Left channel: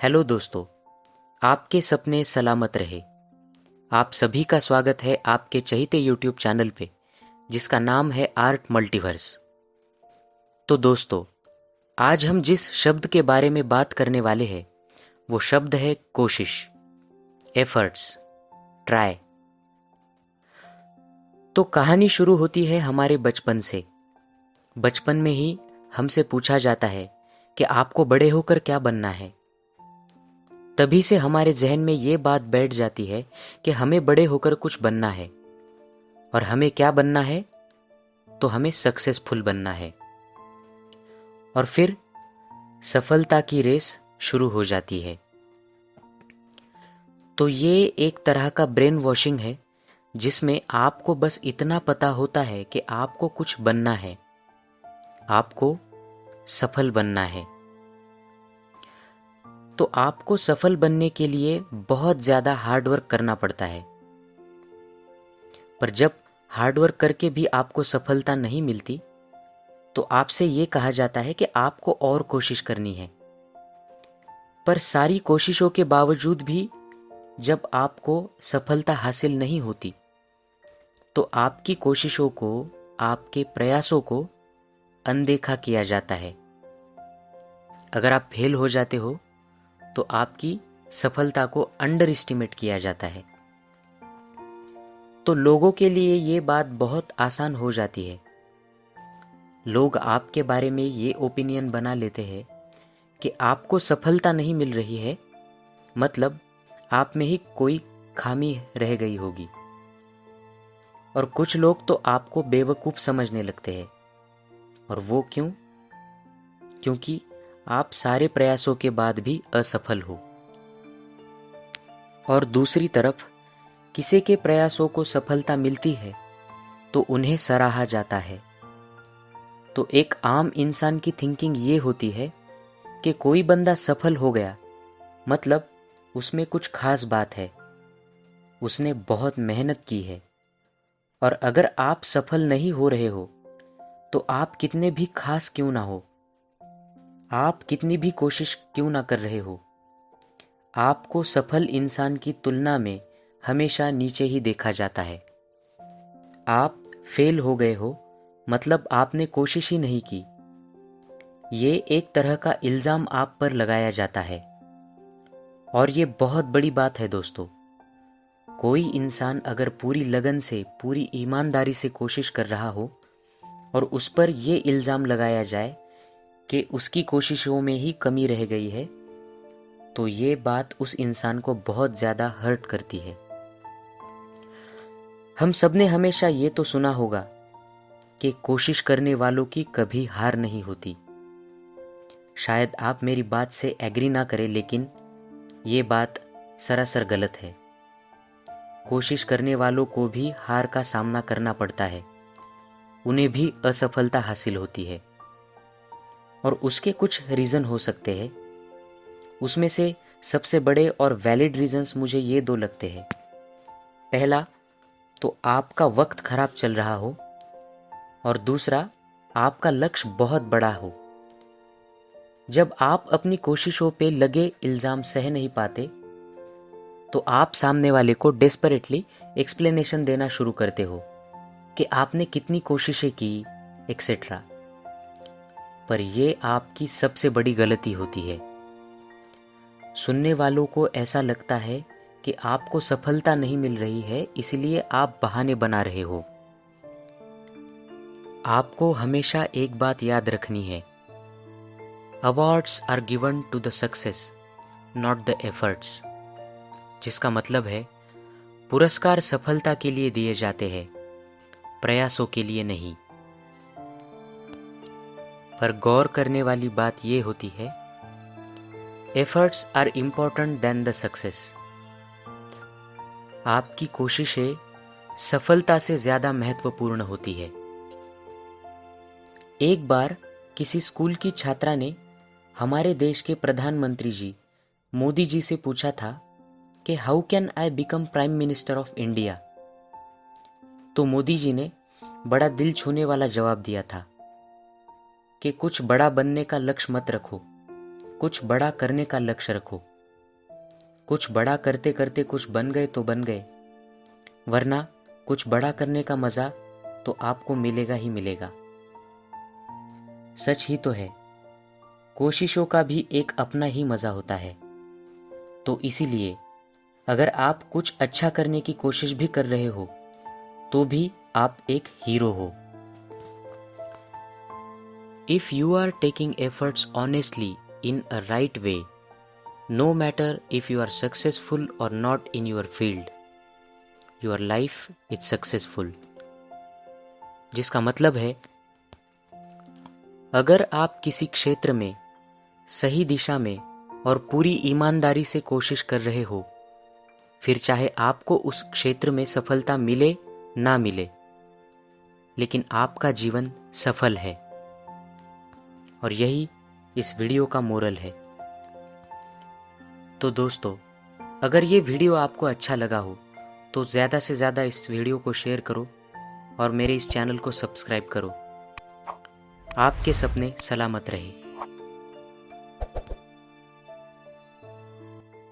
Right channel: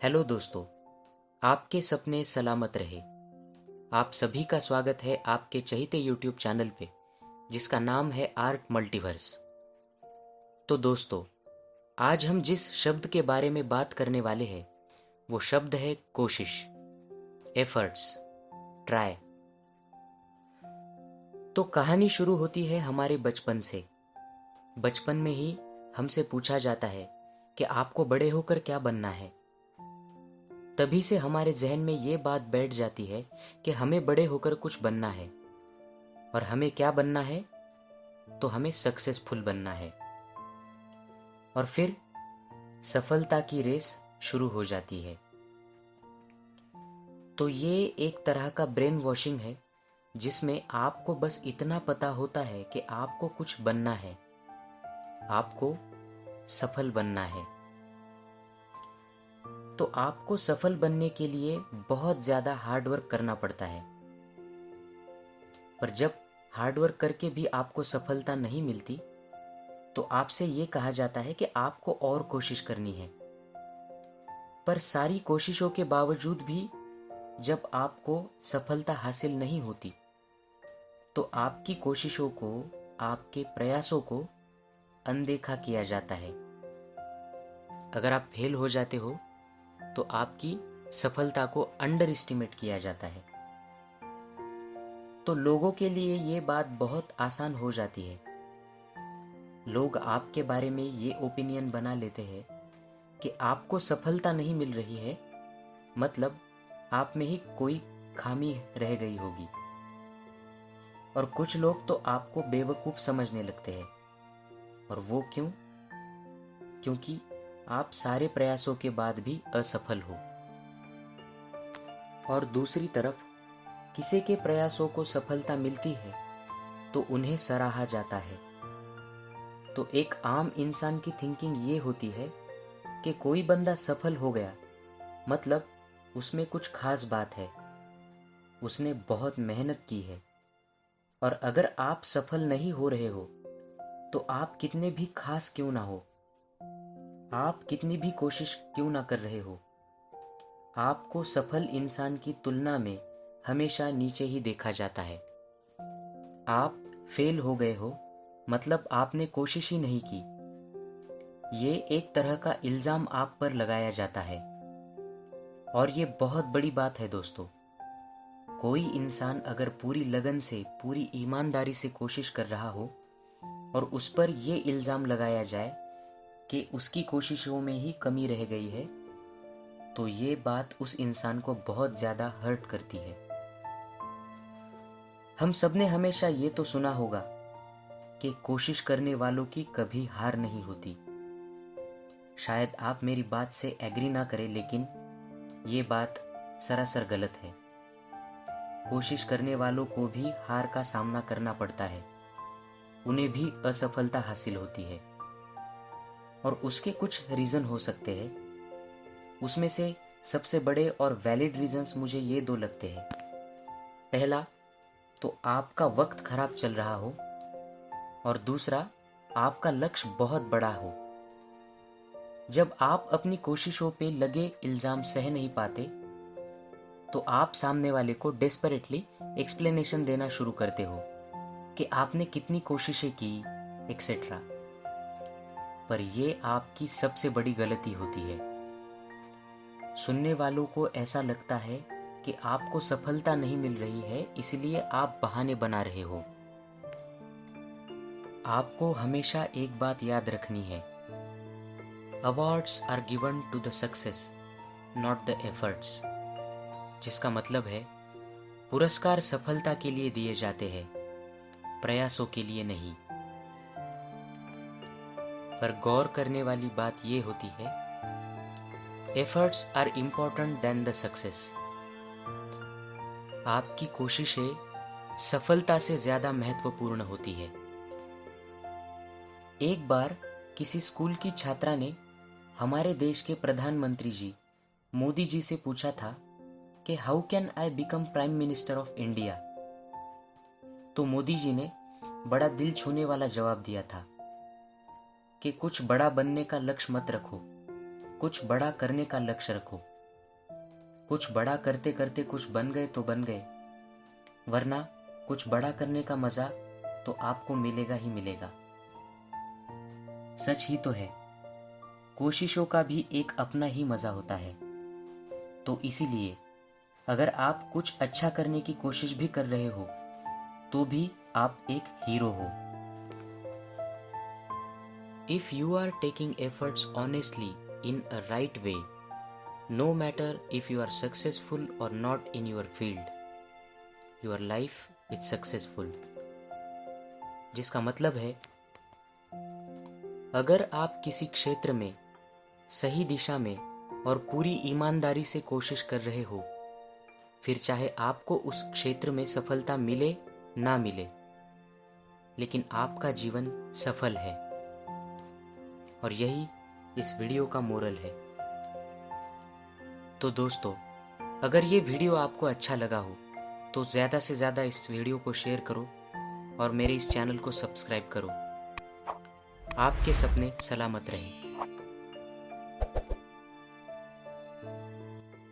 Hello दोस्तों, आपके सपने सलामत रहे। आप सभी का स्वागत है आपके चहीते यूट्यूब चैनल पे, जिसका नाम है आर्ट मल्टीवर्स। तो दोस्तों, आज हम जिस शब्द के बारे में बात करने वाले हैं वो शब्द है कोशिश, एफर्ट्स, ट्राई। तो कहानी शुरू होती है हमारे बचपन से। बचपन में ही हमसे पूछा जाता है कि आपको बड़े होकर क्या बनना है। तभी से हमारे जहन में ये बात बैठ जाती है कि हमें बड़े होकर कुछ बनना है। और हमें क्या बनना है? तो हमें सक्सेसफुल बनना है। और फिर सफलता की रेस शुरू हो जाती है। तो ये एक तरह का ब्रेन वॉशिंग है, जिसमें आपको बस इतना पता होता है कि आपको कुछ बनना है, आपको सफल बनना है। तो आपको सफल बनने के लिए बहुत ज़्यादा हार्डवर्क करना पड़ता है। पर जब हार्डवर्क करके भी आपको सफलता नहीं मिलती, तो आपसे ये कहा जाता है कि आपको और कोशिश करनी है। पर सारी कोशिशों के बावजूद भी जब आपको सफलता हासिल नहीं होती, तो आपकी कोशिशों को, आपके प्रयासों को अनदेखा किया जाता है। अगर आप फेल हो जाते हो तो आपकी सफलता को अंडर एस्टिमेट किया जाता है। तो लोगों के लिए ये बात बहुत आसान हो जाती है। लोग आपके बारे में ये ओपिनियन बना लेते हैं कि आपको सफलता नहीं मिल रही है, मतलब आप में ही कोई खामी रह गई होगी। और कुछ लोग तो आपको बेवकूफ़ समझने लगते हैं। और वो क्यों? क्योंकि आप सारे प्रयासों के बाद भी असफल हो। और दूसरी तरफ किसी के प्रयासों को सफलता मिलती है तो उन्हें सराहा जाता है। तो एक आम इंसान की थिंकिंग ये होती है कि कोई बंदा सफल हो गया, मतलब उसमें कुछ खास बात है, उसने बहुत मेहनत की है। और अगर आप सफल नहीं हो रहे हो तो आप कितने भी खास क्यों ना हो, आप कितनी भी कोशिश क्यों ना कर रहे हो, आपको सफल इंसान की तुलना में हमेशा नीचे ही देखा जाता है। आप फेल हो गए हो, मतलब आपने कोशिश ही नहीं की। ये एक तरह का इल्ज़ाम आप पर लगाया जाता है। और ये बहुत बड़ी बात है दोस्तों। कोई इंसान अगर पूरी लगन से, पूरी ईमानदारी से कोशिश कर रहा हो और उस पर ये इल्ज़ाम लगाया जाए कि उसकी कोशिशों में ही कमी रह गई है, तो ये बात उस इंसान को बहुत ज़्यादा हर्ट करती है। हम सब ने हमेशा ये तो सुना होगा कि कोशिश करने वालों की कभी हार नहीं होती। शायद आप मेरी बात से एग्री ना करें, लेकिन ये बात सरासर गलत है। कोशिश करने वालों को भी हार का सामना करना पड़ता है, उन्हें भी असफलता हासिल होती है। और उसके कुछ रीज़न हो सकते हैं। उसमें से सबसे बड़े और वैलिड रीजंस मुझे ये दो लगते हैं। पहला तो आपका वक्त खराब चल रहा हो, और दूसरा आपका लक्ष्य बहुत बड़ा हो। जब आप अपनी कोशिशों पे लगे इल्ज़ाम सह नहीं पाते, तो आप सामने वाले को डेस्परेटली एक्सप्लेनेशन देना शुरू करते हो कि आपने कितनी कोशिशें की, एक्सेट्रा। पर ये आपकी सबसे बड़ी गलती होती है। सुनने वालों को ऐसा लगता है कि आपको सफलता नहीं मिल रही है, इसलिए आप बहाने बना रहे हो। आपको हमेशा एक बात याद रखनी है, awards are given to the success, not the efforts. जिसका मतलब है पुरस्कार सफलता के लिए दिए जाते हैं, प्रयासों के लिए नहीं। पर गौर करने वाली बात यह होती है, efforts are important then the success. आपकी कोशिशें सफलता से ज़्यादा महत्वपूर्ण होती है। एक बार किसी स्कूल की छात्रा ने हमारे देश के प्रधानमंत्री जी मोदी जी से पूछा था कि how can I become prime minister of India. तो मोदी जी ने बड़ा दिल छूने वाला जवाब दिया था कि कुछ बड़ा बनने का लक्ष्य मत रखो, कुछ बड़ा करने का लक्ष्य रखो। कुछ बड़ा करते करते कुछ बन गए तो बन गए, वरना कुछ बड़ा करने का मज़ा तो आपको मिलेगा ही मिलेगा। सच ही तो है, कोशिशों का भी एक अपना ही मज़ा होता है। तो इसीलिए अगर आप कुछ अच्छा करने की कोशिश भी कर रहे हो तो भी आप एक हीरो हो। If you are taking efforts honestly in a right way, no matter if you are successful or not in your field, your life is successful। जिसका मतलब है, अगर आप किसी क्षेत्र में सही दिशा में और पूरी ईमानदारी से कोशिश कर रहे हो, फिर चाहे आपको उस क्षेत्र में सफलता मिले ना मिले, लेकिन आपका जीवन सफल है। और यही इस वीडियो का मोरल है। तो दोस्तों, अगर ये वीडियो आपको अच्छा लगा हो तो ज़्यादा से ज़्यादा इस वीडियो को शेयर करो और मेरे इस चैनल को सब्सक्राइब करो। आपके सपने सलामत रहे।